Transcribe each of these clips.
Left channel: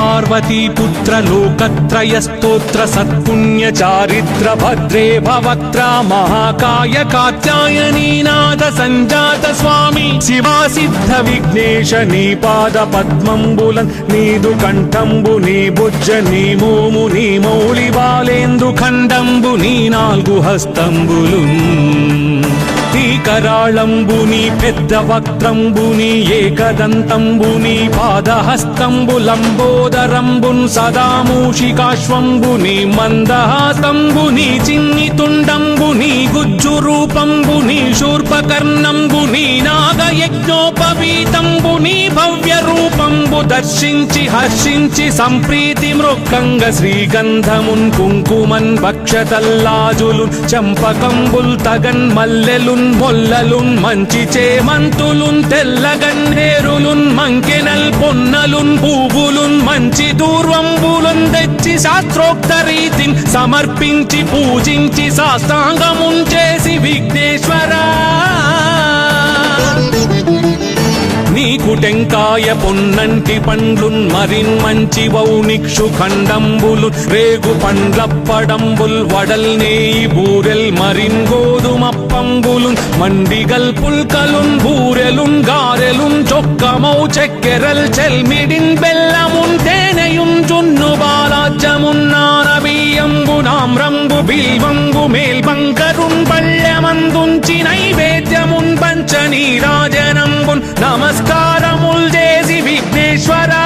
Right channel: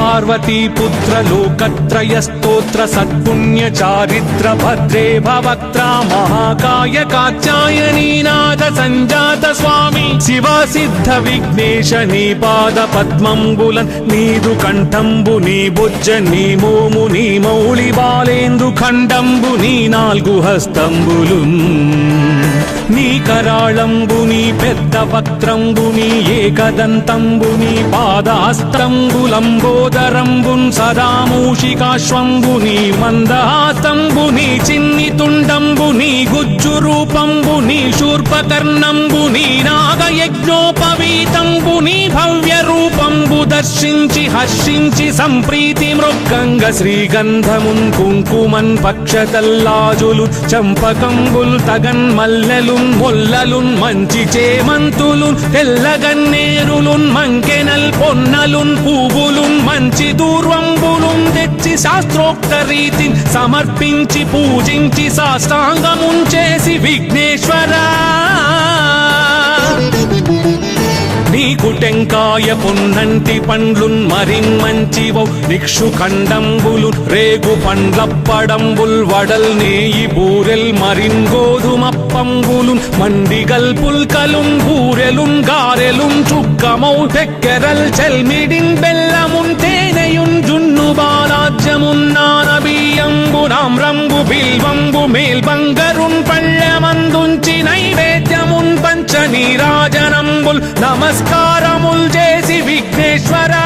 पार्वती पुत्र लोकत्रय स्तोत्र सत्पुण्य चारित्र भद्रे भवक्त्रा महाकाय कात्यायनी नाद संजात स्वामी शिवा सिद्ध विघ्नेश नी पाद पद्मंबुलन् नीदु कंठंबु नी बुज्ज नी भूमु नी मौళి బాలేందు ఖండంబు నీ నాలుగు హస్తంబులు నీ కరాళంబు నీ పెద్ద వక్త్రంబు నీ ఏకదంతంబు నీ పాదహస్తంబులంబోదరంబున్ సదా మూషికాశ్వంబు నీ మందహాస్తంబు నీ చిన్ని తుండంబు నీ గుజ్జు రూపంబు నీ శూర్పకర్ణంబు నీ నాగయజ్ఞోపవీతంబు నీ భవ్య రూపంబు దర్శించి హర్షించి సంప్రీతి వృక్కంగ శ్రీగంధమున్ కుంకుమన్ పక్షతల్లాజులు చంపకంబుల్ తగన్ మల్లెలున్ మొల్లలున్ మంచి చేమంతులున్ తెల్లగన్నేరులున్ మంకెనల్ పొన్నలున్ పూవులున్ మంచి దూర్వంబులున్ తెచ్చి శాస్త్రోక్త రీతిని సమర్పించి పూజించి సాష్టాంగమున్ చేసి విఘ్నేశ్వరా టెంకాయ పొన్నంటి పండ్లున్ మరిన్ మంచివౌ నిక్షు ఖండంబులు రేగు పండ్లప్పడంబుల్ వడల్ నేయి బూరెల్ మరిన్ గోధుమప్పంబులు మండిగల్ పుల్కలున్ బూరెలున్ గారెలున్ చొక్కమౌ చెక్కెరల్ చెల్మిడిన్ బెల్లమున్ తేనెయున్ జున్ను బాలాజ్యమున్ నానబియ్యంబులాం రంగు బిల్వంగు మేల్బంగరున్ పళ్ళమందుంచి నైవేద్యమున్ పంచ నీరాజనంబుల్ నమస్కారముల్ చేసి విఘ్నేశ్వరా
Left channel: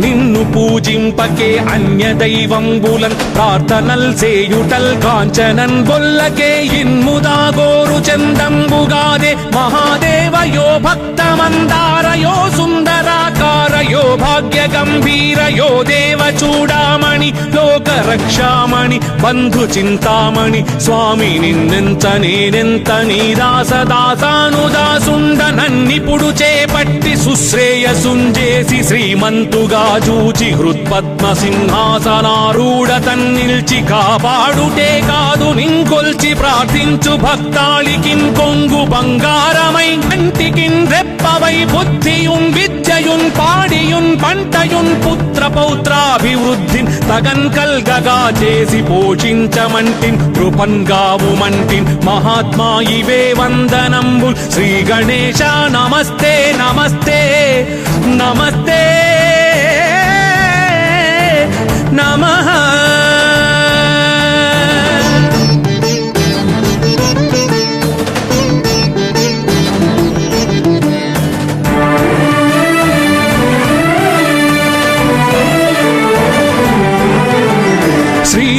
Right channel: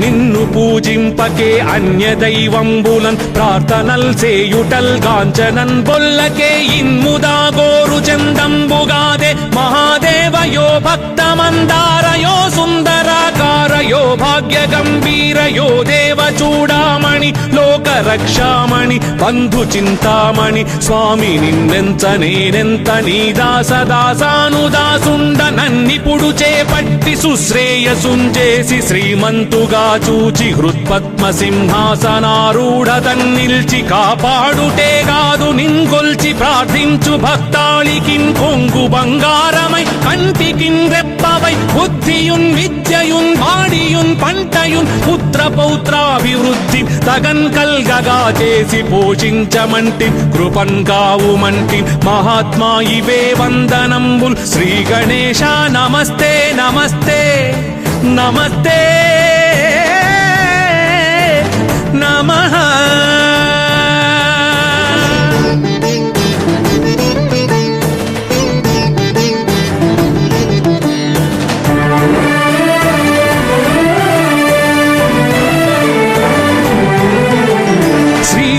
నిన్ను పూజింపకే అన్య దైవంబులన్ ప్రార్థనల్ సేయుటల్ గాంచనన్ బొల్లకే ఇన్ముదా గోరు చందంబుగాదే మహాదేవయో భక్తమందారయో సుందరాకారయో భాగ్య గంభీరయో దేవ చూడామణి లోక రక్షామణి బంధు చింతామణి స్వామి నిన్నెంత నేనెంత నీ దాసదాసానుదాసుండ నన్నిపుడు చేపట్టి సుశ్రేయసుంజేసి శ్రీమంతుగా చూచి హృత్పద్మ సింహాసనారూఢ తన్నిల్చి కాపాడుటే కాదు నింకొల్చి ప్రార్థించు భక్తాళికి కొంగు బంగారమై కంటికిన్ రెప్పవై బుద్ధియున్ విద్యయున్ వాడియున్ పంటయున్ పుత్ర పౌత్రాభివృద్ధి తగన్ కల్గగా చేసి పోషించమంటి కృపన్ కావుమంటి మహాత్మా ఇవే వందనంబు శ్రీ గణేశ నమస్తే నమస్తే నమస్తే నమః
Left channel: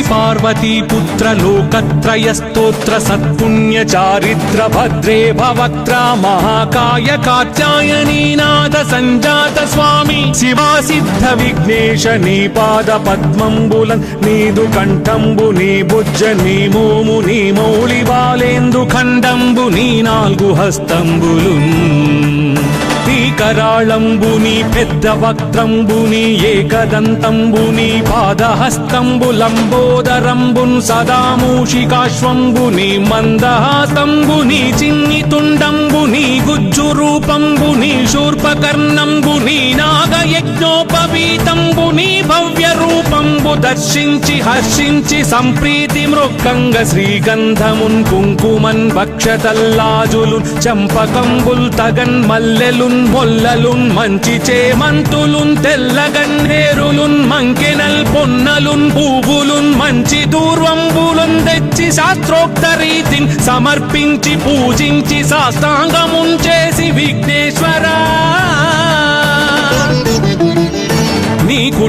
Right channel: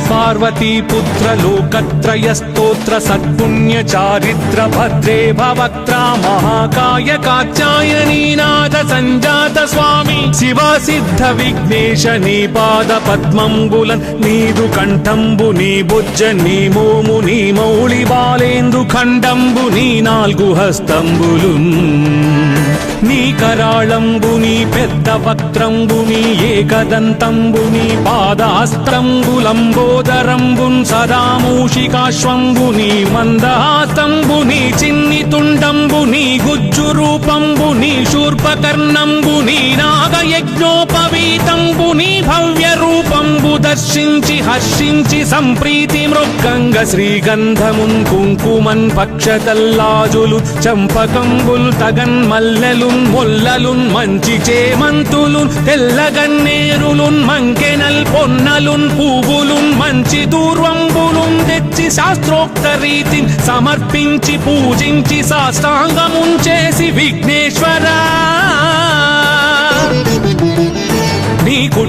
पार्वती पुत्र लोकत्रय स्तोत्र सत्पुण्य चारित्र भद्रे भवक्त्रा महाकाय कात्यायनी नाद संजात स्वामी शिवा सिद्ध विघ्नेश नी पाद पद्मंबुलन् नीदु कंठंबु नी बुज्ज नी भूमु नी मौళి బాలేందు ఖండంబు నీ నాలుగు హస్తంబులు నీ కరాళంబు నీ పెద్ద వక్త్రంబు నీ ఏకదంతంబు నీ పాదహస్తంబులంబోదరంబున్ సదా మూషికాశ్వంబు నీ మందహాస్తంబు నీ చిన్ని తుండంబు నీ గుజ్జు రూపంబు నీ శూర్పకర్ణంబు నీ నాగయజ్ఞోపవీతంబు నీ భవ్య రూపంబు దర్శించి హర్షించి సంప్రీతి వృక్కంగ శ్రీగంధమున్ కుంకుమన్ పక్షతల్లాజులు చంపకంబుల్ తగన్ మల్లెలున్ మొల్లలున్ మంచి చేమంతులున్ తెల్లగన్నేరులున్ మంకెనల్ పొన్నలున్ పూవులున్ మంచి దూర్వంబులున్ తెచ్చి శాస్త్రోక్త రీతిని సమర్పించి పూజించి సాష్టాంగమున్ చేసి విఘ్నేశ్వరా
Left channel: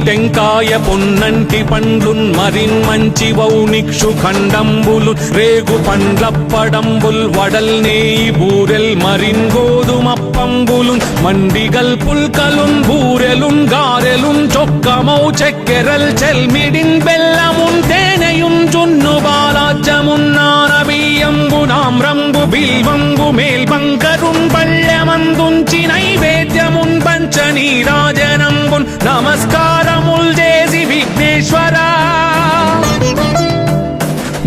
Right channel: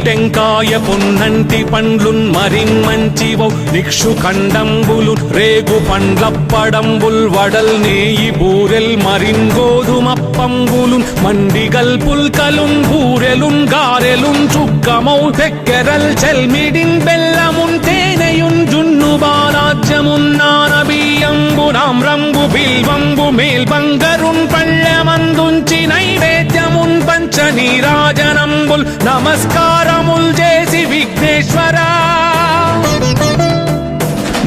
టెంకాయ పొన్నంటి పండ్లున్ మరిన్ మంచివౌ నిక్షు ఖండంబులు రేగు పండ్లప్పడంబుల్ వడల్ నేయి బూరెల్ మరిన్ గోధుమప్పంబులు మండిగల్ పుల్కలున్ బూరెలున్ గారెలున్ చొక్కమౌ చెక్కెరల్ చెల్మిడిన్ బెల్లమున్ తేనెయున్ జున్ను బాలాజ్యమున్ నానబియ్యంబులాం రంగు బిల్వంగు మేల్బంగరున్ పళ్ళమందుంచి నైవేద్యమున్ పంచ నీరాజనంబుల్ నమస్కారముల్ చేసి విఘ్నేశ్వరా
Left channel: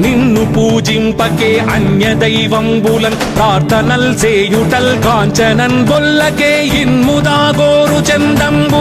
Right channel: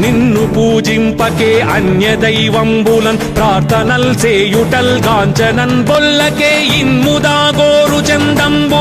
నిన్ను పూజింపకే అన్య దైవంబులన్ ప్రార్థనల్ సేయుటల్ గాంచనన్ బొల్లకే ఇన్ముదా గోరు చందంబు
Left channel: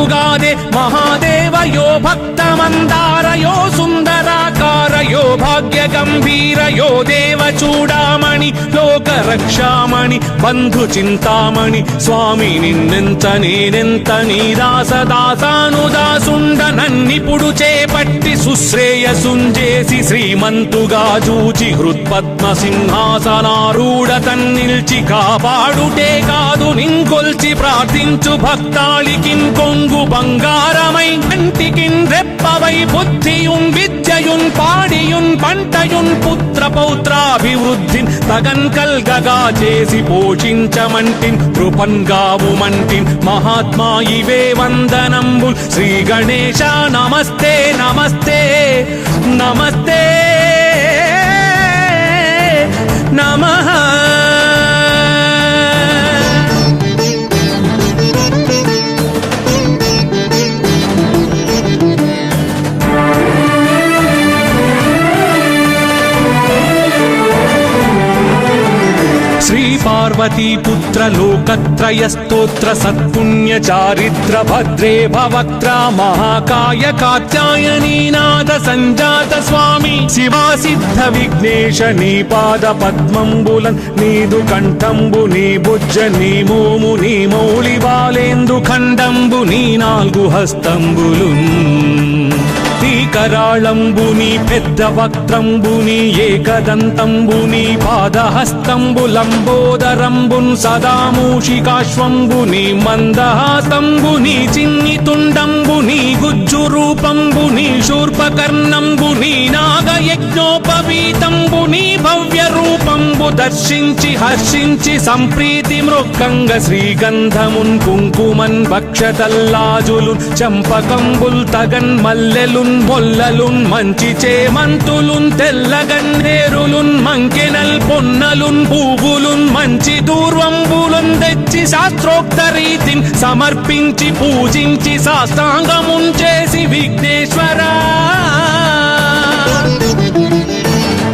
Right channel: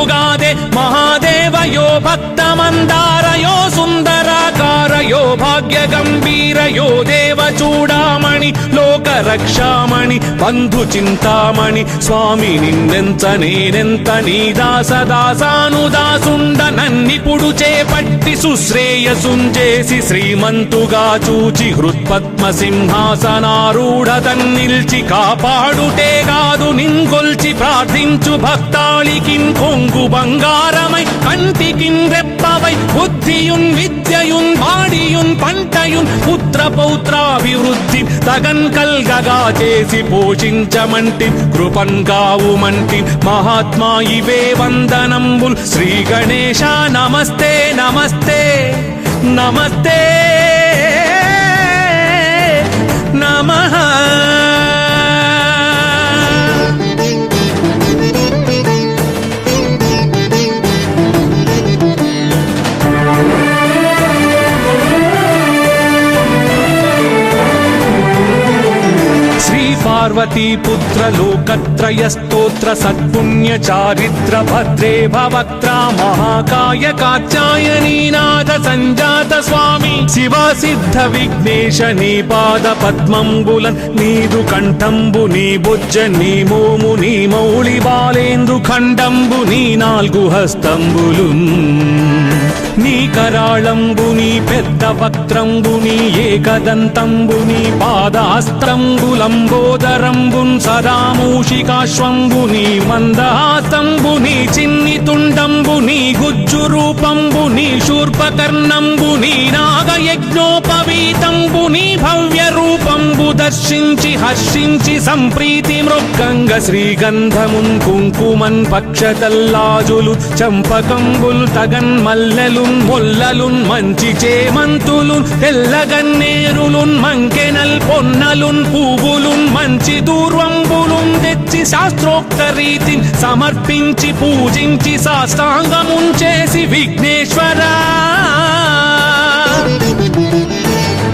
రక్షామణి బంధు చింతామణి స్వామి నిన్నెంత నేనెంత నీ దాసదాసానుదాసుండ నన్నిపుడు చేపట్టి సుశ్రేయసుంజేసి శ్రీమంతుగా చూచి హృత్పద్మ సింహాసనారూఢతన్ నిల్చి కాపాడుటే కాదు నింకొల్చి ప్రార్థించు భక్తాళికి కొంగు బంగారమై కంటికిం రెప్పవై బుద్ధియుం విద్యయుం వాడియుం పంటయుం పుత్ర పౌత్రాభివృద్ధి తగన్ కల్గగా చేసి పోషించమంటి కృపన్ కావుమంటి మహాత్మా ఇవే వందనంబు శ్రీ గణేశ నమస్తే నమస్తే నమస్తే నమః. పార్వతీ పుత్ర లోకత్రయ స్తోత్ర సత్పుణ్య చారిత్ర భద్రే భవక్త్ర మహాకాయ కాత్యాయనీనాథ సంజాత స్వామి శివా సిద్ధ విఘ్నేశ నీ పాద పద్మంబులన్ నీదు కంఠంబు నీ బుజ్జ నీ భూము నీ మౌళి బాలేందు ఖండంబు నీ నాలుగు హస్తంబులు నీ కరాళంబుని పెద్ద వక్త్రంబుని ఏకదంతంబుని పాదాస్త్రంబులంబోదరంబున్ సదా మూషికాశ్వంబుని మందహాసంబుని చిన్ని తుండంబుని గుజ్జు రూపంబుని శూర్పకర్ణంబుని నాగయజ్ఞోపవీతంబుని భవ్య రూపంబు దర్శించి హర్షించి సంప్రీతి మృక్కంగ శ్రీగంధమున్ కుంకుమన్ భక్షతల్లాజులు చంపకంబుల్ తగన్ మల్లెలు మొల్లలున్ మంచి చేమంతులున్ తెల్లగన్నేరులున్ మంకెనల్ పొన్నలున్ పూవులున్ మంచి దూర్వంబులున్ తెచ్చి శాస్త్రోక్త రీతిని సమర్పించి పూజించి సాష్టాంగమున్ చేసి విఘ్నేశ్వరా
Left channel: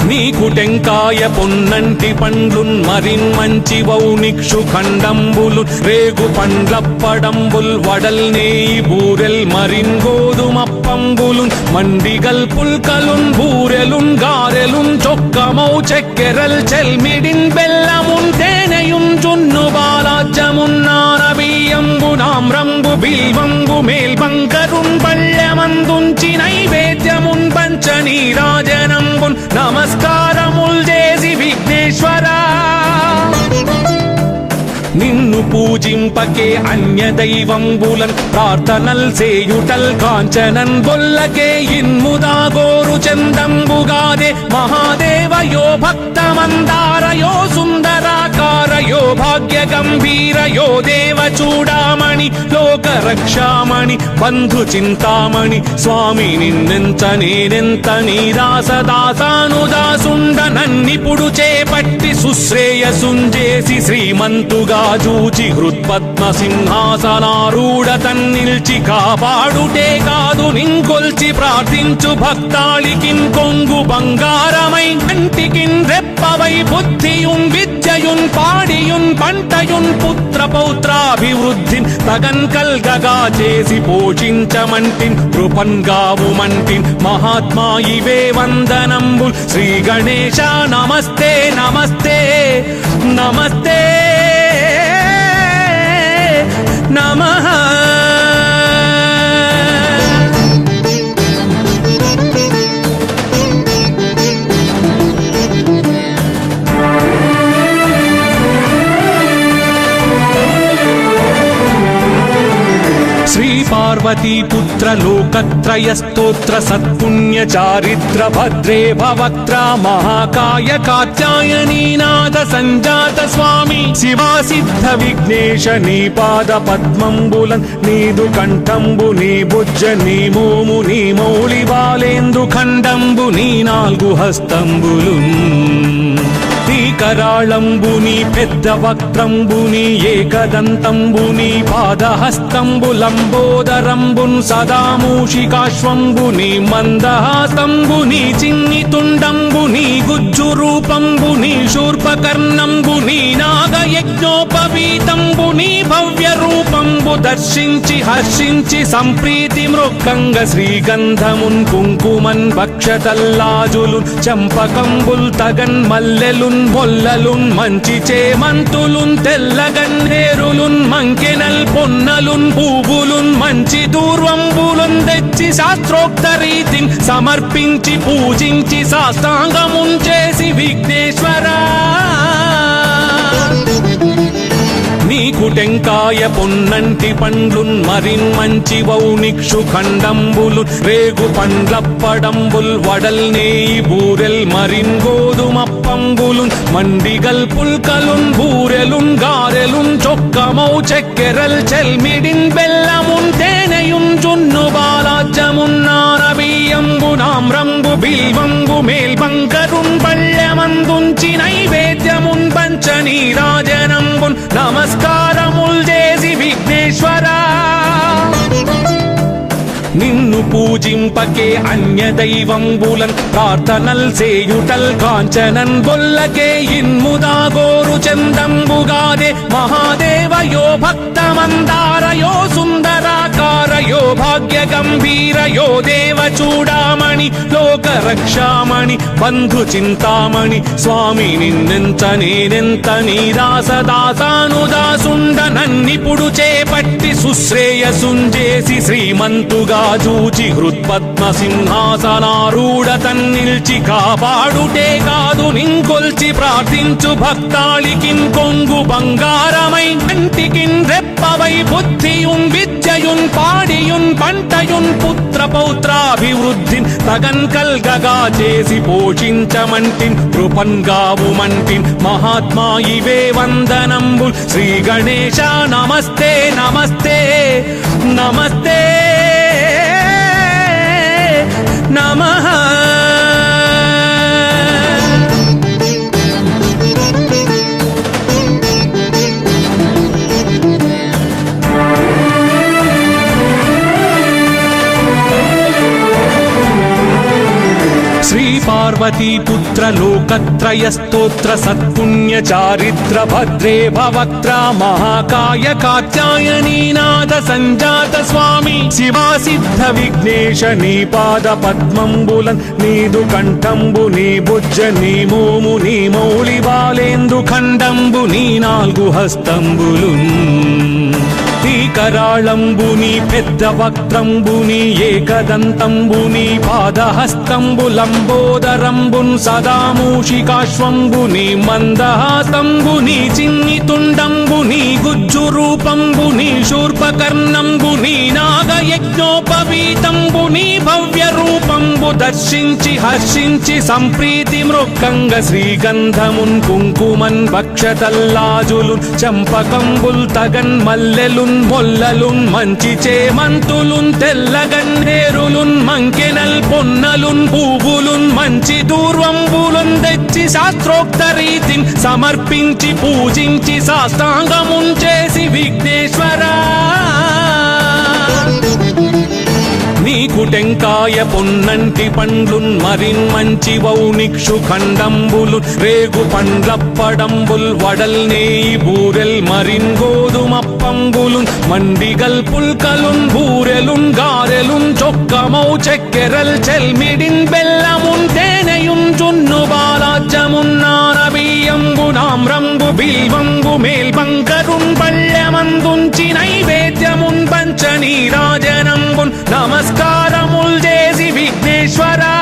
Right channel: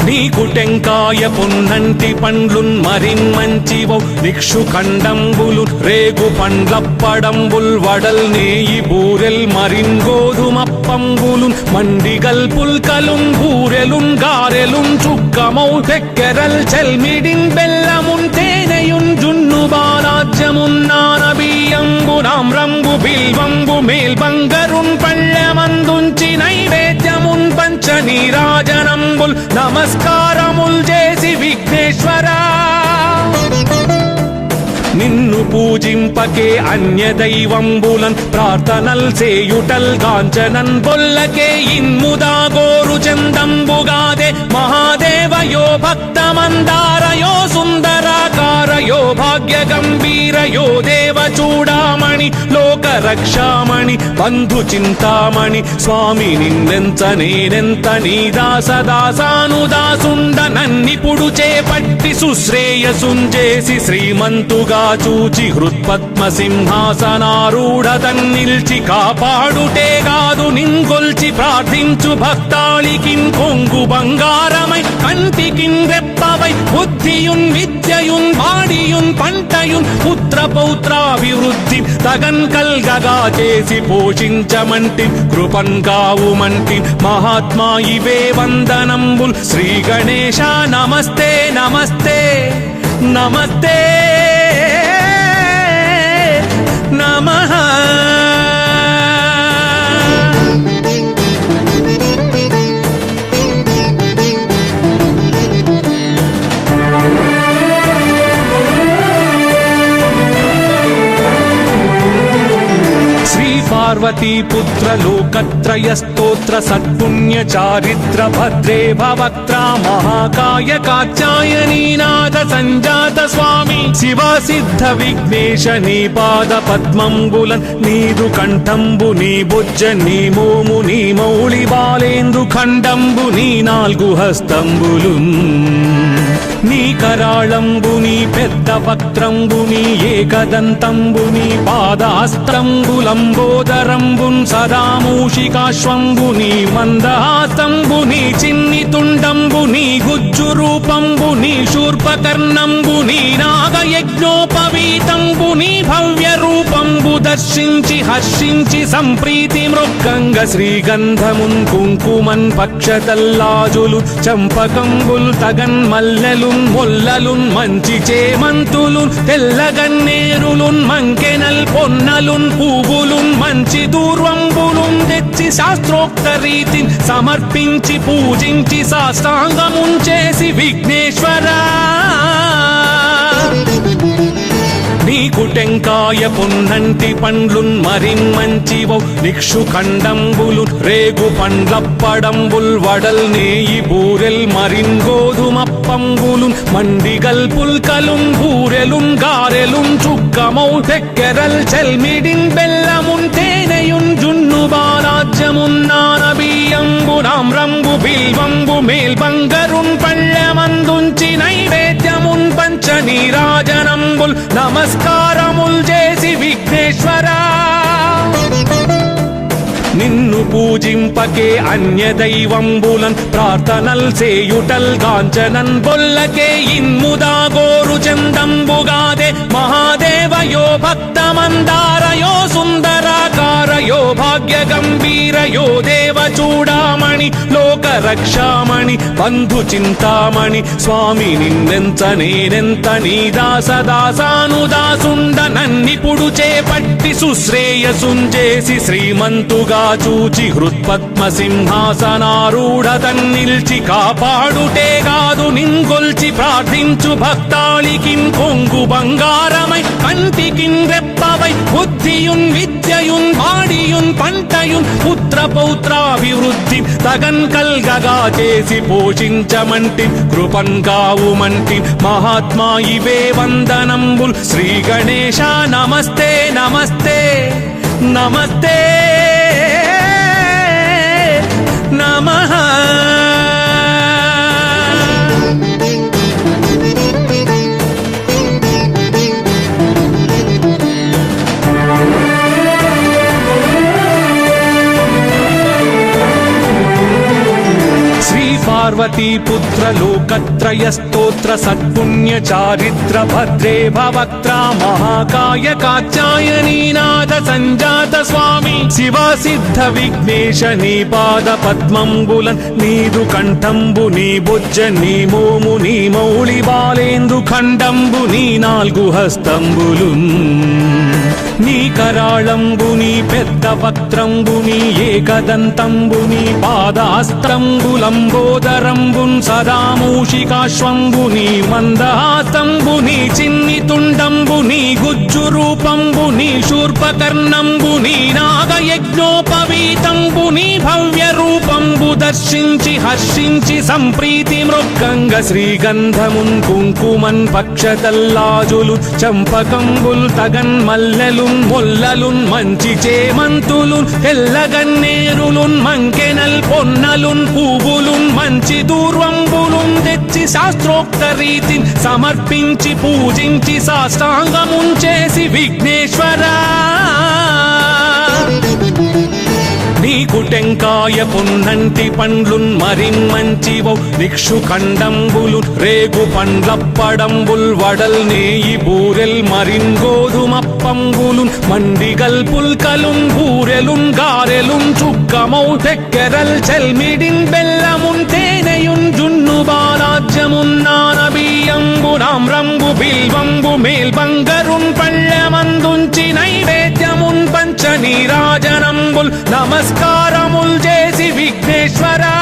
నీకు టెంకాయ పొన్నంటి పండ్లున్ మరిన్ మంచి వౌనిక్షు ఖండంబులు రేగు పండ్లప్పడంబుల్ వడల్ నేయి బూరెల్ మరిన్ గోధుమప్పంబులు మండిగల్ పుల్కలున్ బూరెలున్ గారెలున్ చొక్కమౌ చెక్కెరల్ చెల్మిడిన్ బెల్లమున్ తేనెయున్ జున్ను బాలాజ్యమున్ నానబియ్యంబులాం రంగు బిల్వంబు మేల్బంగరున్ పళ్ళమందుంచి నైవేద్యమున్ పంచ నీరాజనంబుల్ నమస్కారముల్ చేసి విఘ్నేశ్వరా నిన్ను పూజింపకే అన్య దైవంబులన్ ప్రార్థనల్ సేయుటల్ కాంచనన్ బొల్లకే ఇన్ముదా గోరు చందంబుగాదే మహాదేవయో భక్తమందారయో సుందరాకారయో భాగ్య గంభీరయో దేవ చూడామణి లోక రక్షామణి బంధు చింతామణి స్వామి నిన్నెంత నేనెంత నీ దాసదాసానుదాసుండ నన్నిపుడు చేపట్టి సుశ్రేయసుంజేసి శ్రీమంతుగా చూచి హృత్పద్మ సింహాసనారూఢతన్ నిల్చి కాపాడుటే కాదు నింకొల్చి ప్రార్థించు భక్తాళికి కొంగు బంగారమై కంటికి రెప్పవై బుద్ధియుం విద్యయుం వాడియుం పంటయుం పుత్ర పౌత్రాభివృద్ధి తగన్ కల్గగా చేసి పోషించమంటి కృపన్ కావుమంటి మహాత్మా ఇవే వందనంబు శ్రీ గణేశ నమస్తే నమస్తే నమస్తే నమః. పార్వతీ పుత్ర లోకత్రయ స్తోత్ర సత్పుణ్య చారిత్ర భద్రే భవక్త్ర మహాకాయ కాత్యాయనీనాథ సంజాత స్వామి శివా సిద్ధ విఘ్నేశ నీ పాద పద్మంబులన్ నీదు కంఠంబు నీ బుజ్జ నీ భూము నీ మౌళి బాలేందు ఖండంబు నీ నాలుగు హస్తంబులు నీ కరాళంబుని పెద్ద వక్త్రంబుని ఏకదంతంబుని పాదాస్త్రంబులంబోదరంబున్ సదా మూషికాశ్వంబుని మందహాసంబుని చిన్ని తుండంబుని గుజ్జు రూపంబుని శూర్పకర్ణంబుని నాగయజ్ఞోపవీతంబుని భవ్య రూపంబు దర్శించి హర్షించి సంప్రీతి మృక్కంగ శ్రీగంధమున్ కుంకుమన్ భక్షతల్లాజులు చంపకంబుల్ తగన్ మల్లెలున్ మొల్లలున్ మంచి చేమంతులున్ తెల్లగన్నేరులున్ మంకెనల్ పొన్నలున్ పూవులున్ మంచి దూర్వంబులున్ తెచ్చి శాస్త్రోక్త రీతిని సమర్పించి పూజించి సాష్టాంగమున్ చేసి విఘ్నేశ్వరా నీకు టెంకాయ పున్నంటి పండ్లున్ మరిన్మంచివౌ నిక్షు ఖండంబులు రేగు పండ్లప్పడంబుల్ వడల్ నేయి బూరెల్ మరిన్ గోధుమప్పంబులు మండిగల్ పుల్కలున్ బూరెలున్ గారెలున్ చుక్కమౌ చెక్కెరల్ చెల్మిడిన్ బెల్లమున్ తేనెయున్ జున్ను బాలాజ్యమున్ నానబియ్యంబులాం రంగు బిల్వంబు మేల్బంగరున్ పళ్ళమందుంచి నైవేద్యమున్ పంచ నీరాజనంబుల్ నమస్కారముల్ చేసి విఘ్నేశ్వరా నిన్ను పూజింపకే అన్య దైవంబులన్ ప్రార్థనల్ సేయుటల్ కాంచనన్ బొల్లకే ఇన్ముదా గోరు చందంబుగాదే మహాదేవయో భక్తమందారయో సుందరాకారయో భాగ్య గంభీరయో దేవ చూడామణి లోక రక్షామణి బంధు చింతామణి స్వామి నిన్నెంత నేనెంత నీ దాసదాసానుదాసుండ నన్నిపుడు చేపట్టి సుశ్రేయసుంజేసి శ్రీమంతుగా చూచి హృత్పద్మ సింహాసనారూఢ తన్నిల్చి కాపాడుటే కాదు నింకొల్చి ప్రార్థించు భక్తాళికిం కొంగు బంగారమై కంటికిం రెప్పవై బుద్ధియుం విద్యయుం వాడియుం పంటయుం పుత్ర పౌత్రాభివృద్ధి తగన్ కల్గగా చేసి పోషించమంటి కృపన్ కావుమంటి మహాత్మా ఇవే వందనంబు శ్రీ గణేశ నమస్తే నమస్తే నమస్తే నమః పార్వతీ పుత్ర లోకత్రయ స్తోత్ర సత్పుణ్య చారిత్ర భద్రే భవక్త్ర మహాకాయ కాచాయనీనాథ సంజాత స్వామి శివా సిద్ధ విఘ్నేశ నీ పాద పద్మంబులన్ నీదు కంఠంబు నీ బుజ్జ నీ భూము నీ మౌళి బాలేందు ఖండంబు నీ నాలుగు హస్తంబులు నీ కరాళంబు నీ పెద్ద వక్త్రంబు నీ ఏకదంతంబు నీ పాదహస్తంబులంబోదరంబు సదా మూషికాశ్వంబు నీ మందహాసంబు నీ చిన్ని తుండంబు నీ గుజ్జు రూపంబు నీ శూర్పకర్ణంబు నీ నాగయజ్ఞోపవీతంబు నీ భవ్య రూపంబు దర్శించి హర్షించి సంప్రీతి మృక్కంగ శ్రీగంధమున్ కుంకుమన్ భక్షతల్లాజులు చంపకంబుల్ తగన్ మల్లెలున్ మొల్లలున్ మంచి చేమంతులున్ తెల్లగన్నేరులున్ మంకెనల్ పొన్నలున్ పూవులున్ మంచి దూర్వంబులున్ తెచ్చి శాస్త్రోక్త రీతిని సమర్పించి పూజించి సాష్టాంగమున్ చేసి విఘ్నేశ్వరా నీకు టెంకాయ పున్నంటి పండ్లున్ మరిన్మంచివౌ నిక్షు ఖండంబులు రేగు పండ్లప్పడంబుల్ వడల్ నేయి బూరెల్ మరిన్ గోధుమప్పంబులు మండిగల్ పుల్కలున్ బూరెలున్ గారెలున్ చుక్కమౌ చెక్కెరల్ చెల్మిడిన్ బెల్లమున్ తేనెయున్ జున్ను బాలాజ్యమున్ నానబియ్యంబులాం రంగు బిల్వంబు మేల్బంగరున్ పళ్ళమందుంచి నైవేద్యమున్ పంచ నీరాజనంబుల్ నమస్కారముల్ చేసి విఘ్నేశ్వరా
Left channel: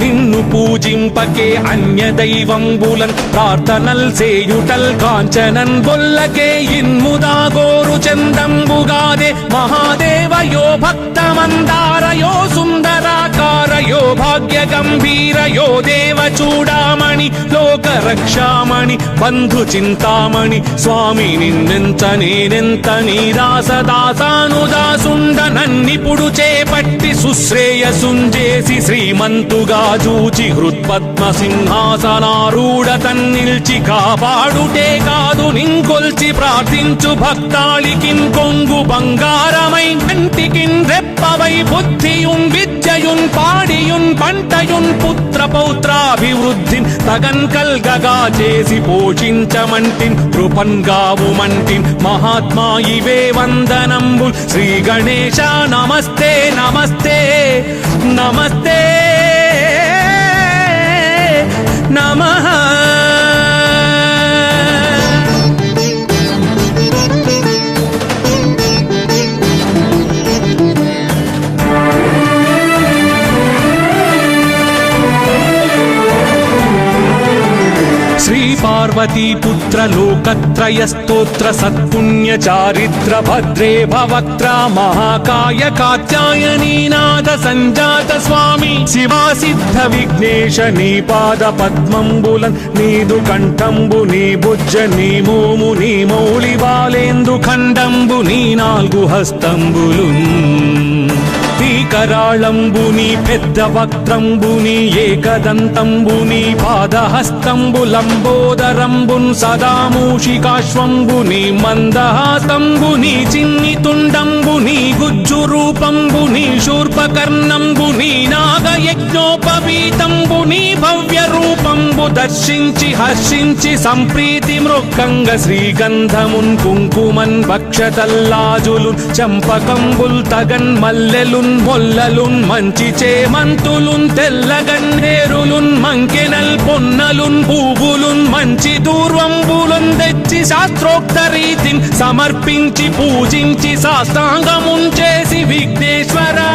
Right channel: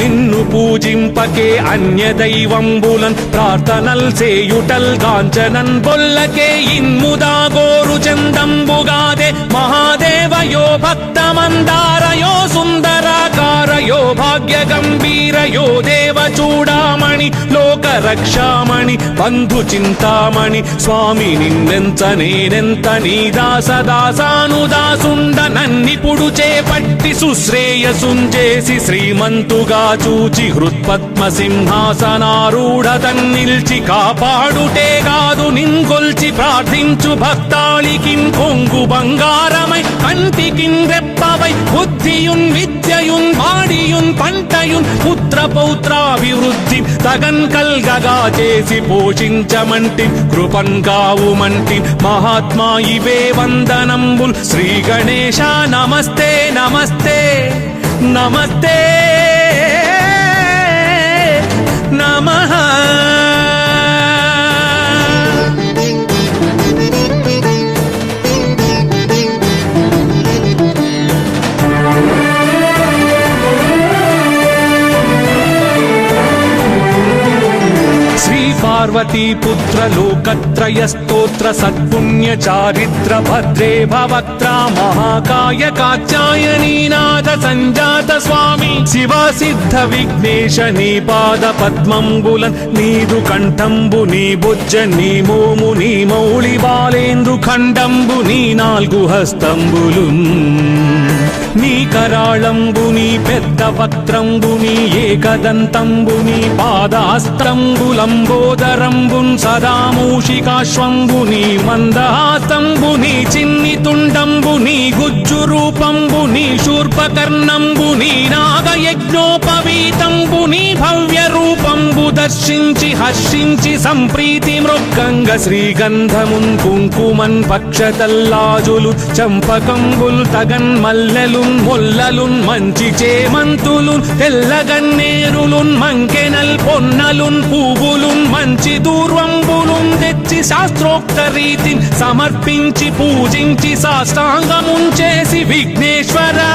నిన్ను పూజింపకే అన్య దైవంబులన్ ప్రార్థనల్ సేయుటల్ కాంచనన్ బొల్లకే ఇన్ముదా గోరు చందంబుగాదే మహాదేవయో భక్తమందారయో సుందరాకారయో భాగ్య గంభీరయో దేవ చూడామణి లోక రక్షామణి బంధు చింతామణి స్వామి నిన్నెంత నేనెంత నీ దాసదాసానుదాసుండ నన్నిపుడు చేపట్టి సుశ్రేయసుంజేసి శ్రీమంతుగా చూచి హృత్పద్మ సింహాసనారూఢ తన్నిల్చి కాపాడుటే కాదు నింకొల్చి ప్రార్థించు భక్తాళికిం కొంగు బంగారమై కంటికిం రెప్పవై బుద్ధియుం విద్యయుం వాడియుం పంటయుం పుత్ర పౌత్రాభివృద్ధి సగన్ కల్గగా చేసి పోషించమంటి కృపన్ కావుమంటి మహాత్మా ఇవే వందనంబు శ్రీ గణేశ నమస్తే నమస్తే నమస్తే నమః. పార్వతీ పుత్ర లోకత్రయ స్తోత్ర సత్పుణ్య చారిత్ర భద్రే భవక్త్ర మహాకాయ కాత్యాయనీనాథ సంజాత స్వామి శివా సిద్ధ విఘ్నేశ నీ పాద పద్మంబులన్ నీదు కంఠంబు నీ బుజ్జ నీ భూము నీ మౌళి బాలేందు ఖండంబు నీ నాలుగు హస్తంబులు నీ కరాళంబు నీ పెద్ద వక్త్రంబు నీ ఏకదంతంబు నీ పాదాస్త్రంబులంబోదరంబున్ సదా మూషికాశ్వంబు నీ మందహాస్తంబు నీ చిన్ని తుండంబు నీ గుజ్జు రూపంబు నీ శూర్పకర్ణంబు నీ నాగయజ్ఞోపవీతంబు నీ భవ్య రూపంబు దర్శించి హర్షించి సంప్రీతి మృక్కంగ శ్రీగంధమున్ కుంకుమన్ భక్షతల్లాజులు చంపకంబుల్ తగన్ మల్లెలున్ మొల్లలున్ మంచి చేమంతులున్ తెల్లగన్నేరులున్ మంకెనల్ పొన్నలున్ పూవులున్ మంచి దూర్వంబులున్ తెచ్చి శాస్త్రోక్త రీతిని సమర్పించి పూజించి సాష్టాంగమున్ చేసి విఘ్నేశ్వరా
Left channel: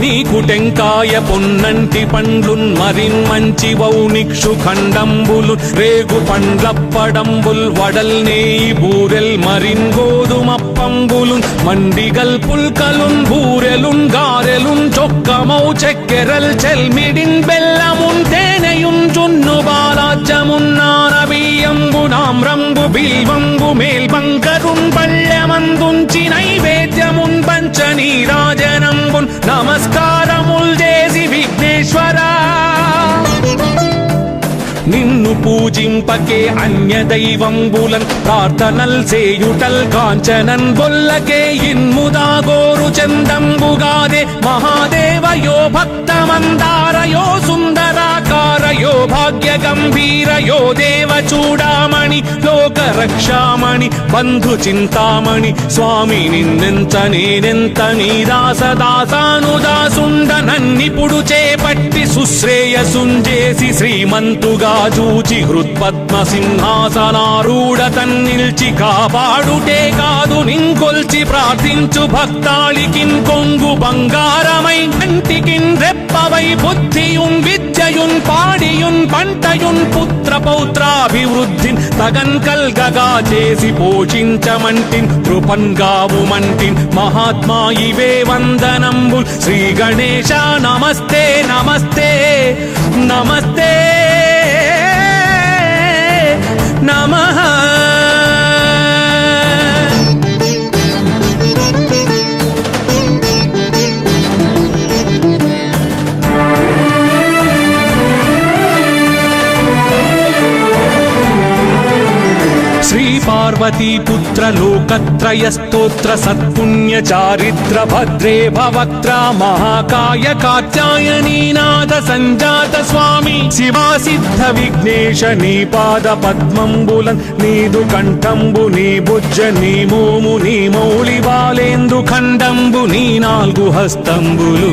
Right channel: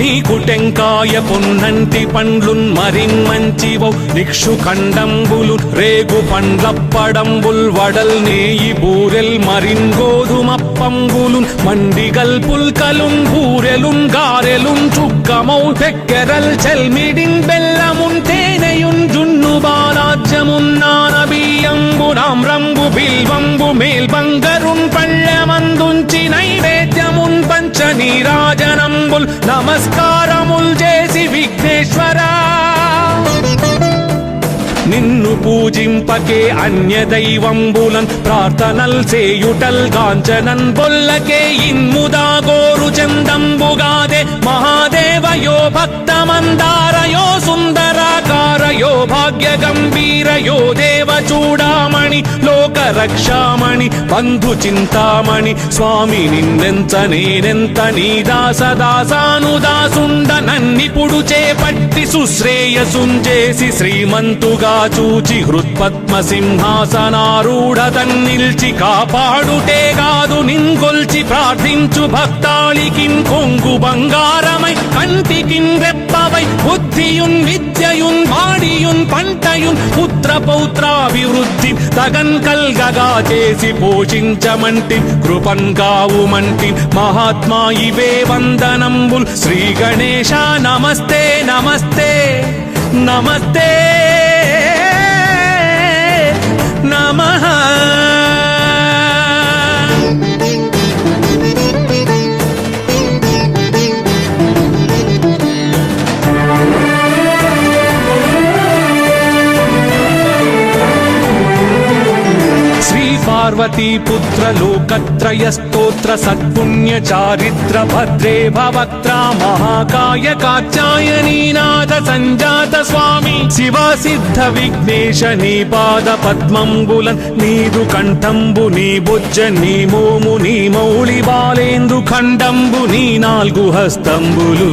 నీకు టెంకాయ పొన్నంటి పండ్లున్ మరిన్మంచివౌ నిక్షు ఖండంబులు రేగు పండ్లప్పడంబుల్ వడల్ నేయి బూరెల్ మరిన్ గోధుమప్పంబులు మండిగల్ పుల్కలున్ బూరెలున్ గారెలున్ చొక్కమౌ చెక్కెరల్ చెల్మిడిన్ బెల్లమున్ తేనెయున్ జున్ను బాలాజ్యమున్ నానబియ్యంబులామ్రంబు బిల్వంబు మేల్బంగరున్ పళ్ళమందుంచి నైవేద్యమున్ పంచ నీరాజనంబుల్ నమస్కారముల్ చేసి విఘ్నేశ్వరా నిన్ను పూజింపకే అన్య దైవంబులం ప్రార్థనల్ చేయుటల్ కాంచనన్ బొల్లకే ఇన్ముదా గోరు చందంబుగాదే మహాదేవయో భక్తమందారయో సుందరాకారయో భాగ్య గంభీరయో దేవ చూడామణి లోక రక్షామణి బంధు చింతామణి స్వామి నిన్నెంత నేనెంత నీ దాసదాసానుదాసుండ నన్నిపుడు చేపట్టి సుశ్రేయసుంజేసి శ్రీమంతుగా చూచి హృత్పద్మ సింహాసనారూఢ తన్నిల్చి కాపాడుటే కాదు నింకొల్చి ప్రార్థించు భక్తాళికిం కొంగు బంగారమై కంటికిం రెప్పవై బుద్ధియున్ విద్యయున్ వాడియున్ పంటయున్ పుత్ర పౌత్రాభివృద్ధి తగన్ కల్గగా చేసి పోషించమంటి కృపన్ కావుమంటి మహాత్మా ఇవే వందనంబు శ్రీ గణేశ నమస్తే నమస్తే నమస్తే నమః. పార్వతీ పుత్ర లోకత్రయ స్తోత్ర సత్పుణ్య చారిత్ర భద్రే భవక్త్ర మహాకాయ కాత్యాయనీనాథ సంజాత స్వామి శివా సిద్ధ విఘ్నేశ నీ పాద పద్మంబులన్ నీదు కంఠంబు నీ బుజ్జ నీ భూము నీ మౌళి బాలేందు ఖండంబు నీ నాలుగు హస్తంబులు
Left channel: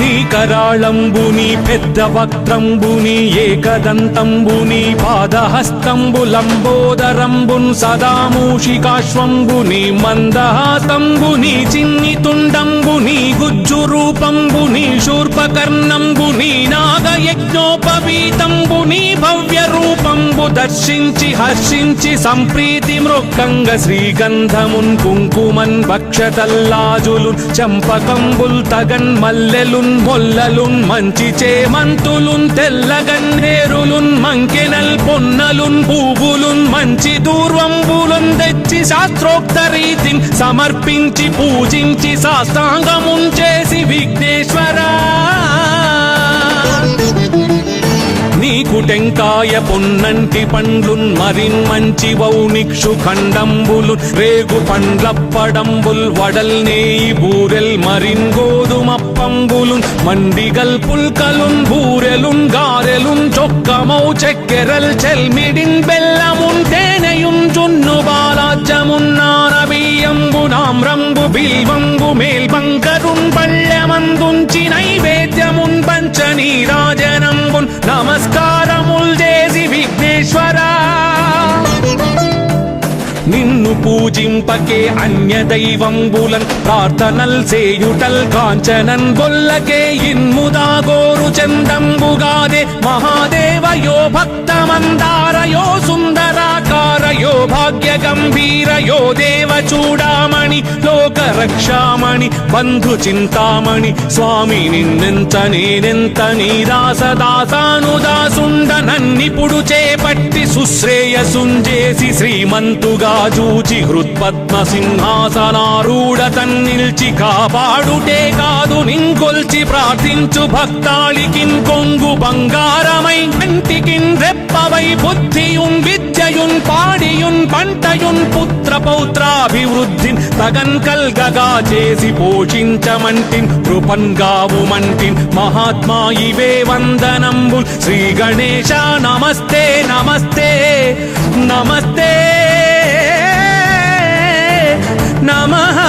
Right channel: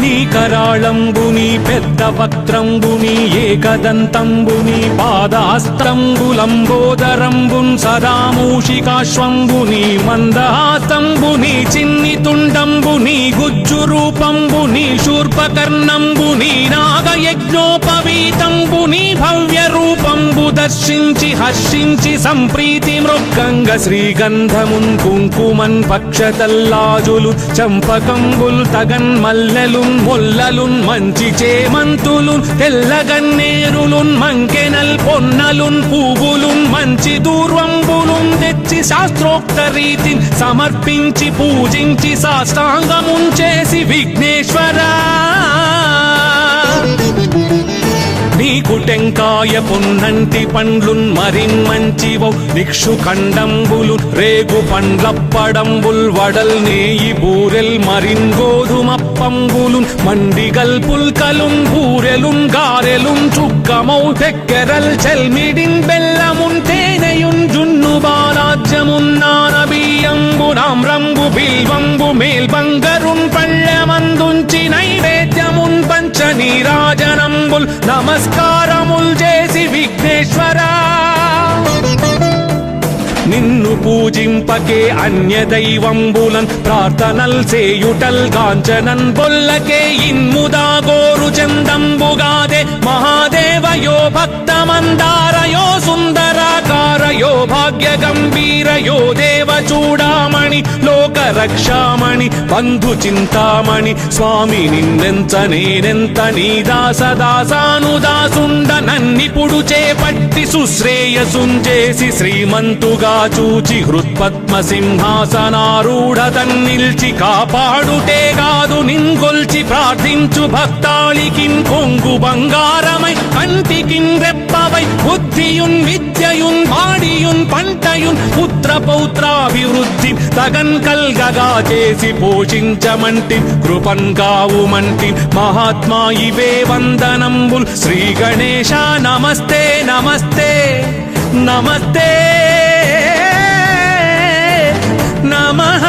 నీ కరాళంబు నీ పెద్ద వక్త్రంబు నీ ఏకదంతంబు నీ పాదాస్త్రంబులంబోదరంబున్ సదా మూషికాశ్వంబు నీ మందహాస్తంబు నీ చిన్ని తుండంబు నీ గుజ్జు రూపంబు నీ శూర్పకర్ణంబు నీ నాగయజ్ఞోపవీతంబు నీ భవ్య రూపంబు దర్శించి హర్షించి సంప్రీతి మృక్కంగ శ్రీగంధమున్ కుంకుమన్ భక్షతల్లాజులు చంపకంబుల్ తగన్ మల్లెలున్ మొల్లలున్ మంచి చేమంతులున్ తెల్లగన్నేరులున్ మంకెనల్ పొన్నలున్ పూవులున్ మంచి దూర్వంబులున్ తెచ్చి శాస్త్రోక్త రీతిని సమర్పించి పూజించి సాష్టాంగమున్ చేసి విఘ్నేశ్వరా నీకు టెంకాయ పొన్నంటి నంటి పండ్లున్ మరిన్మంచివౌ నిక్షు ఖండంబులు రేగు పండ్లప్పడంబుల్ వడల్ నేయి బూరెల్ మరిన్ గోధుమప్పంబులు మండిగల్ పుల్కలున్ బూరెలున్ గారెలున్ చొక్కమౌ చెక్కెరల్ చెల్మిడిన్ బెల్లమున్ తేనెయున్ జున్ను బాలాజ్యమున్ నానబియ్యంబు తామ్రంబు బిల్వంబు మేల్బంగరున్ పళ్ళమందుంచి నైవేద్యమున్ పంచ నీరాజనంబుల్ నమస్కారముల్ చేసి విఘ్నేశ్వరా నిన్ను పూజింపకే అన్య దైవంబులన్ ప్రార్థనల్ సేయుటల్ కాంచనన్ బొల్లకే ఇన్ముదా గోరు చందంబుగాదే మహాదేవయో భక్తమందారయో సుందరాకారయో భాగ్య గంభీరయో దేవ చూడామణి లోక రక్షామణి బంధు చింతామణి స్వామి నిన్నెంత నేనెంత నీ దాసదాసానుదాసుండ నన్నిపుడు చేపట్టి సుశ్రేయసుంజేసి శ్రీమంతుగా చూచి హృత్పద్మ సింహాసనారూఢ తన్నిల్చి కాపాడుటే కాదు నింకొల్చి ప్రార్థించు భక్తాళికిన్ కొంగు బంగారమై కంటికిన్ రెప్పవై బుద్ధియున్ విద్యయున్ వాడియున్ పంటయున్ పుత్ర పౌత్రాభివృద్ధి తగన్ కల్గగా చేసి పోషించమంటి కృపన్ కావుమంటి మహాత్మా ఇవే వందనంబు శ్రీ గణేశ నమస్తే నమస్తే నమస్తే నమః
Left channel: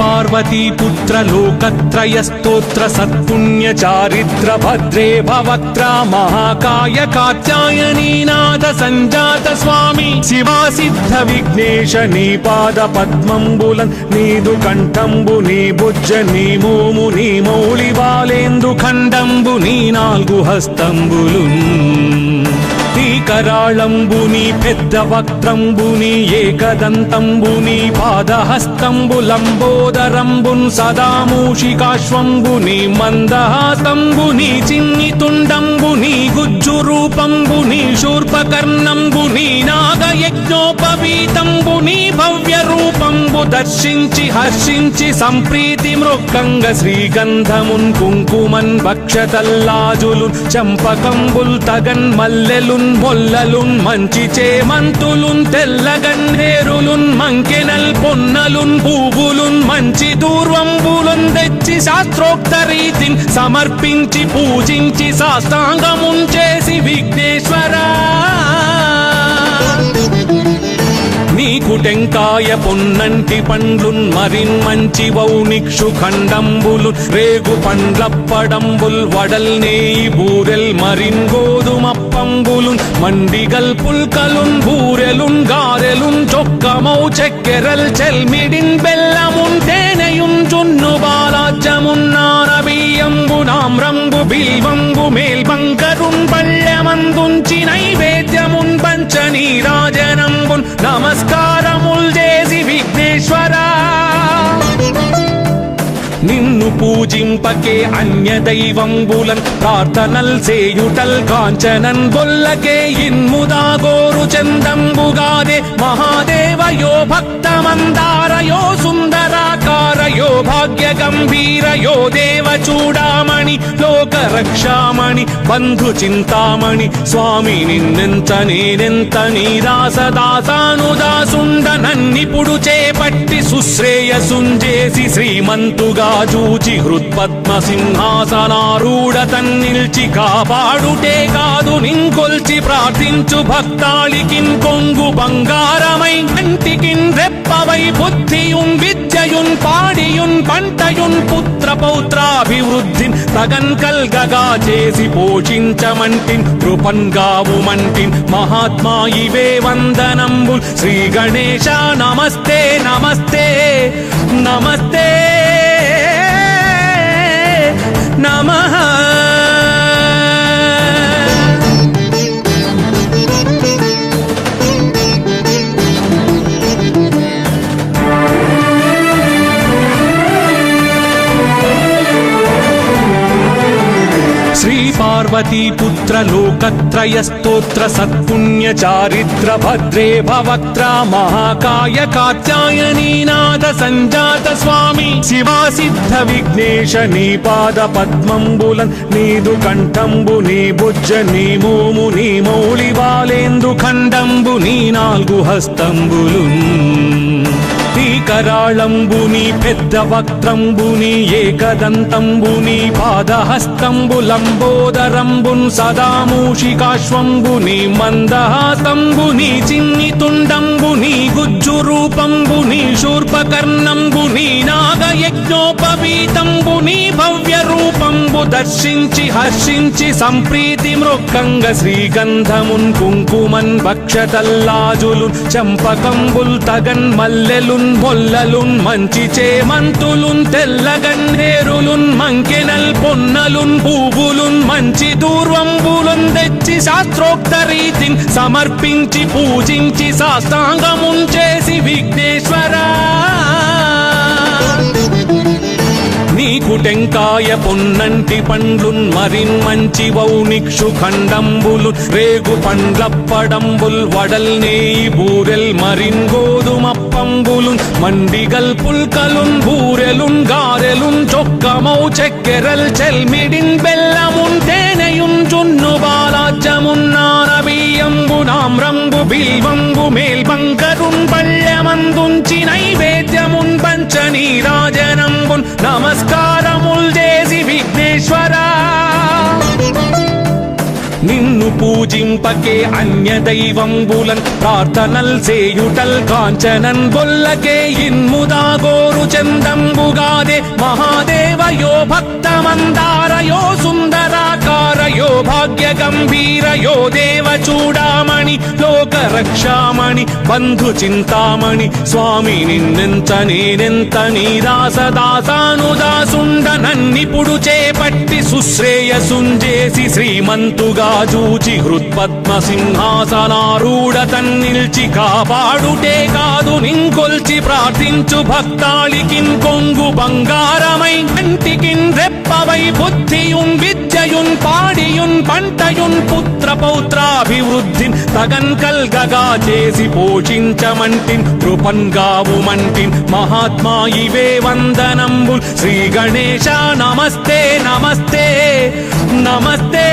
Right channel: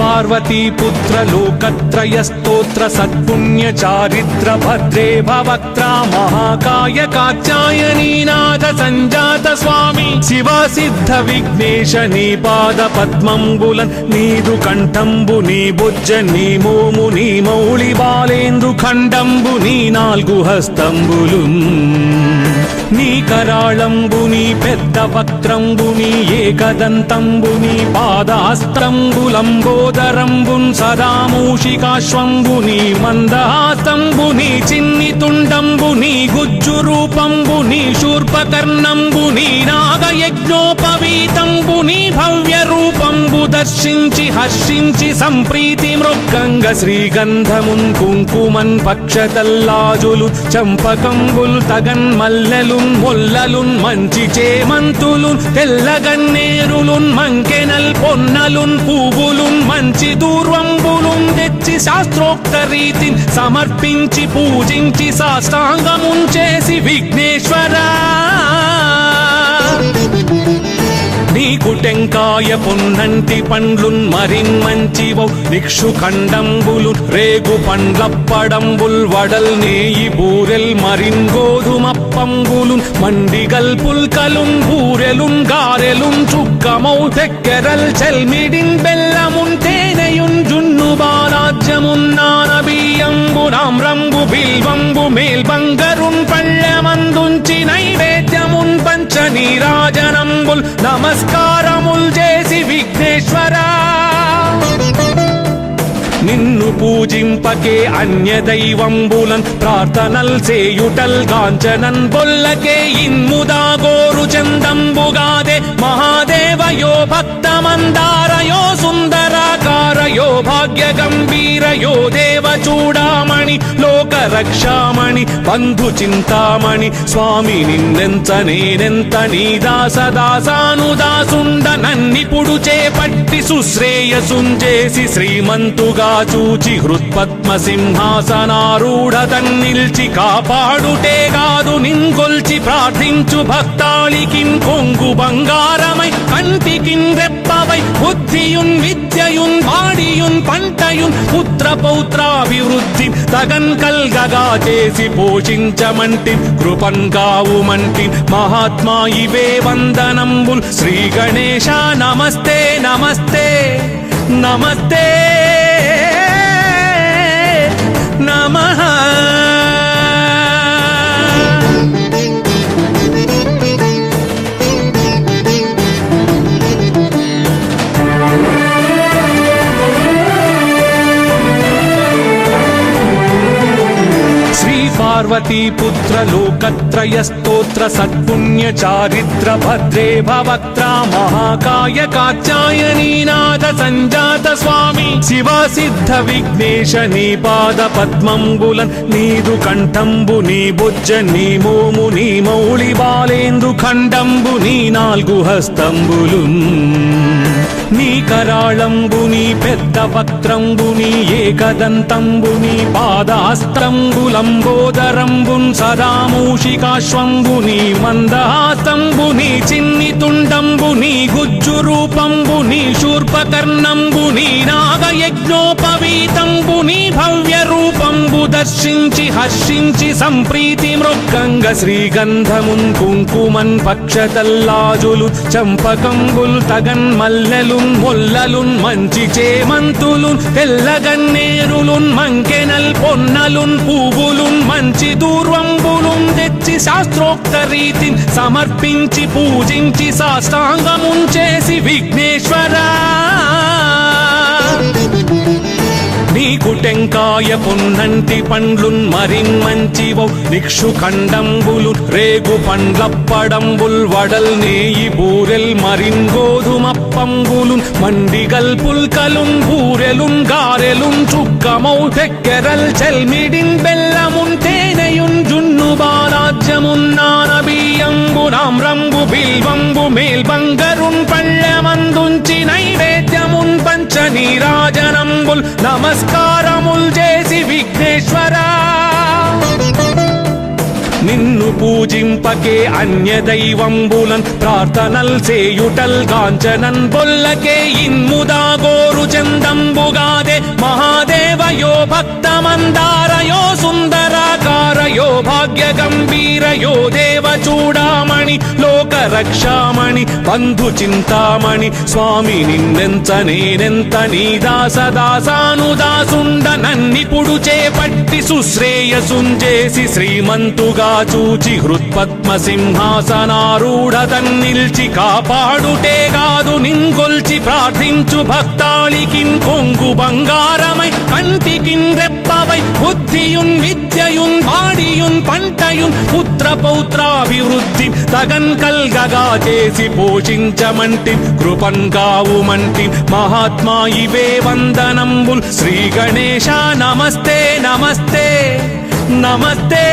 పార్వతీ పుత్ర లోకత్రయ స్తోత్ర సత్పుణ్య చారిత్ర భద్రే భవక్త్ర మహాకాయ కాత్యాయనీనాథ సంజాత స్వామి శివా సిద్ధ విఘ్నేశ నీ పాద పద్మంబులన్ నీదు కంఠంబు నీ బుజ్జ నీ భూము నీ మౌళి బాలేందు ఖండంబు నీ నాల్గు హస్తంబులు నీ కరాళంబు నీ పెద్ద వక్త్రంబు నీ ఏకదంతంబు నీ పాదహస్తంబులంబోదరంబున్ సదా మూషికాశ్వంబు నీ మందహాస్తంబు నీ చిన్ని తుండంబు నీ గుజ్జు రూపంబు నీ శూర్పకర్ణంబు నీ నాగయజ్ఞోపవీతంబు నీ భవ్య రూపంబు దర్శించి హర్షించి సంప్రీతి మృక్కంగ శ్రీగంధమున్ కుంకుమన్ భక్షతల్లాజులు చంపకంబుల్ తగన్ మల్లెలున్ మొల్లలున్ మంచి చేమంతులున్ తెల్లగన్నేరులున్ మంకెనల్ పొన్నలున్ పూవులున్ మంచి దూర్వంబులున్ తెచ్చి శాస్త్రోక్త రీతిని సమర్పించి పూజించి సాష్టాంగమున్ చేసి విఘ్నేశ్వరా నీకు టెంకాయ పొన్నంటి పండ్లున్ మరిన్మంచివౌ నిక్షు ఖండంబులు రేగు పండ్లప్పడంబుల్ వడల్ నేయి బూరెల్ మరిన్ గోధుమప్పంబులు మండిగల్ పుల్కలున్ బూరెలున్ గారెలున్ చొక్కమౌ చెక్కెరల్ చెల్మిడిన్ బెల్లమున్ తేనెయున్ జున్ను బాలాజ్యమున్ నానబియ్యంబు తామ్రంబు బిల్వంబు మేల్బంగరున్ పళ్ళమందుంచి నైవేద్యమున్ పంచ నీరాజనంబుల్ నమస్కారముల్ చేసి విఘ్నేశ్వరా నిన్ను పూజింపకే అన్య దైవంబులన్ ప్రార్థనల్ సేయుటల్ కాంచనన్ బొల్లకే ఇన్ముదా గోరు చందంబుగాదే మహాదేవయో భక్తమందారయో సుందరాకారయో భాగ్య గంభీరయో దేవ చూడామణి లోక రక్షామణి బంధు చింతామణి స్వామి నిన్నెంత నేనెంత నీ దాసదాసానుదాసుండ నన్నిపుడు చేపట్టి సుశ్రేయసుంజేసి శ్రీమంతుగా చూచి హృత్పద్మ సింహాసనారూఢ తన్నిల్చి కాపాడుటే కాదు నింకొల్చి ప్రార్థించు భక్తాళికిన్ కొంగు బంగారమై కంటికిన్ రెప్పవై బుద్ధియున్ విద్యయున్ వాడియున్ పంటయున్ పుత్ర పౌత్రాభివృద్ధి తగన్ కల్గగా చేసి పోషించమంటి కృపన్ కావుమంటి మహాత్మా ఇవే వందనంబు శ్రీ గణేశ నమస్తే నమస్తే నమస్తే నమః పార్వతీ పుత్ర లోకత్రయ స్తోత్ర స్తోత్ర సత్పుణ్య చారిత్ర భద్రే భవక్త్ర మహాకాయ కాత్యాయనీనాథ సంజాత స్వామి శివా సిద్ధ విఘ్నేశ నీ పాద పద్మంబులన్ నీదు కంఠంబు నీ బుజ్జ నీ భూము నీ మౌళి బాలేందు ఖండంబు నీ నాలుగు హస్తంబులు నీ కరాళంబు నీ పెద్ద వక్త్రంబు నీ ఏకదంతంబు నీ పాదాస్త్రంబులంబోదరంబున్ సదా మూషికాశ్వంబు నీ మందహాసంబు నీ చిన్ని తుండంబు నీ గుజ్జు రూపంబు నీ శూర్పకర్ణంబు నీ నాగయజ్ఞోపవీతంబు నీ భవ్య రూపంబు దర్శించి హర్షించి సంప్రీతి మృక్కంగ శ్రీగంధమున్ కుంకుమన్ భక్షతల్లాజులు చంపకంబుల్ తగన్ మల్లెలున్ మొల్లలున్ మంచి చేమంతులున్ తెల్లగన్నేరులున్ మంకెనల్ పొన్నలున్ పూవులున్ మంచి దూర్వంబులున్ తెచ్చి శాస్త్రోక్త రీతిని సమర్పించి పూజించి సాష్టాంగమున్ చేసి విఘ్నేశ్వరా నీకు టెంకాయ పున్నంటి పండ్లున్ మరి మంచివౌ నిక్షు ఖండంబులు రేగు పండ్లప్పడంబుల్ వడల్ నేయి బూరెల్ మరిన్ గోధుమప్పంబులు మండిగల్ పుల్కలున్ బూరెలున్ గారెలున్ చొక్కమౌ చెక్కెరల్ చెల్మిడిన్ బెల్లమున్ తేనెయున్ జున్ను బాలాజ్యమున్ నానబియ్యంబులామ్రంబు బిల్వంబు మేల్బంగరున్ పళ్ళమందుంచి నైవేద్యమున్ పంచ నీరాజనంబుల్ నమస్కారముల్ చేసి విఘ్నేశ్వరా నిన్ను పూజింపకే అన్య దైవంబులన్ ప్రార్థనల్ సేయుటల్ కాంచనన్ బొల్లకే ఇన్ముదా గోరు చందంబుగాదే మహాదేవయో భక్తమందారయో సుందరాకారయో భాగ్య గంభీరయో దేవ చూడామణి లోక రక్షామణి బంధు చింతామణి స్వామి నిన్నెంత నేనెంత నీ దాసదాసానుదాసుండ నన్నిపుడు చేపట్టి సుశ్రేయసుంజేసి శ్రీమంతుగా చూచి హృత్పద్మ సింహాసనారూఢ తన్నిల్చి కాపాడుటే కాదు నింకొల్చి ప్రార్థించు భక్తాళికిన్ కొంగు బంగారమై కంటికిన్ రెప్పవై బుద్ధియున్ విద్యయున్ వాడియున్ పంటయున్ పుత్ర పౌత్రాభివృద్ధి తగన్ కల్గగా చేసి పోషించమంటి కృపన్ కావుమంటి మహాత్మా ఇవే వందనంబు శ్రీ గణేశ నమస్తే నమస్తే నమస్తే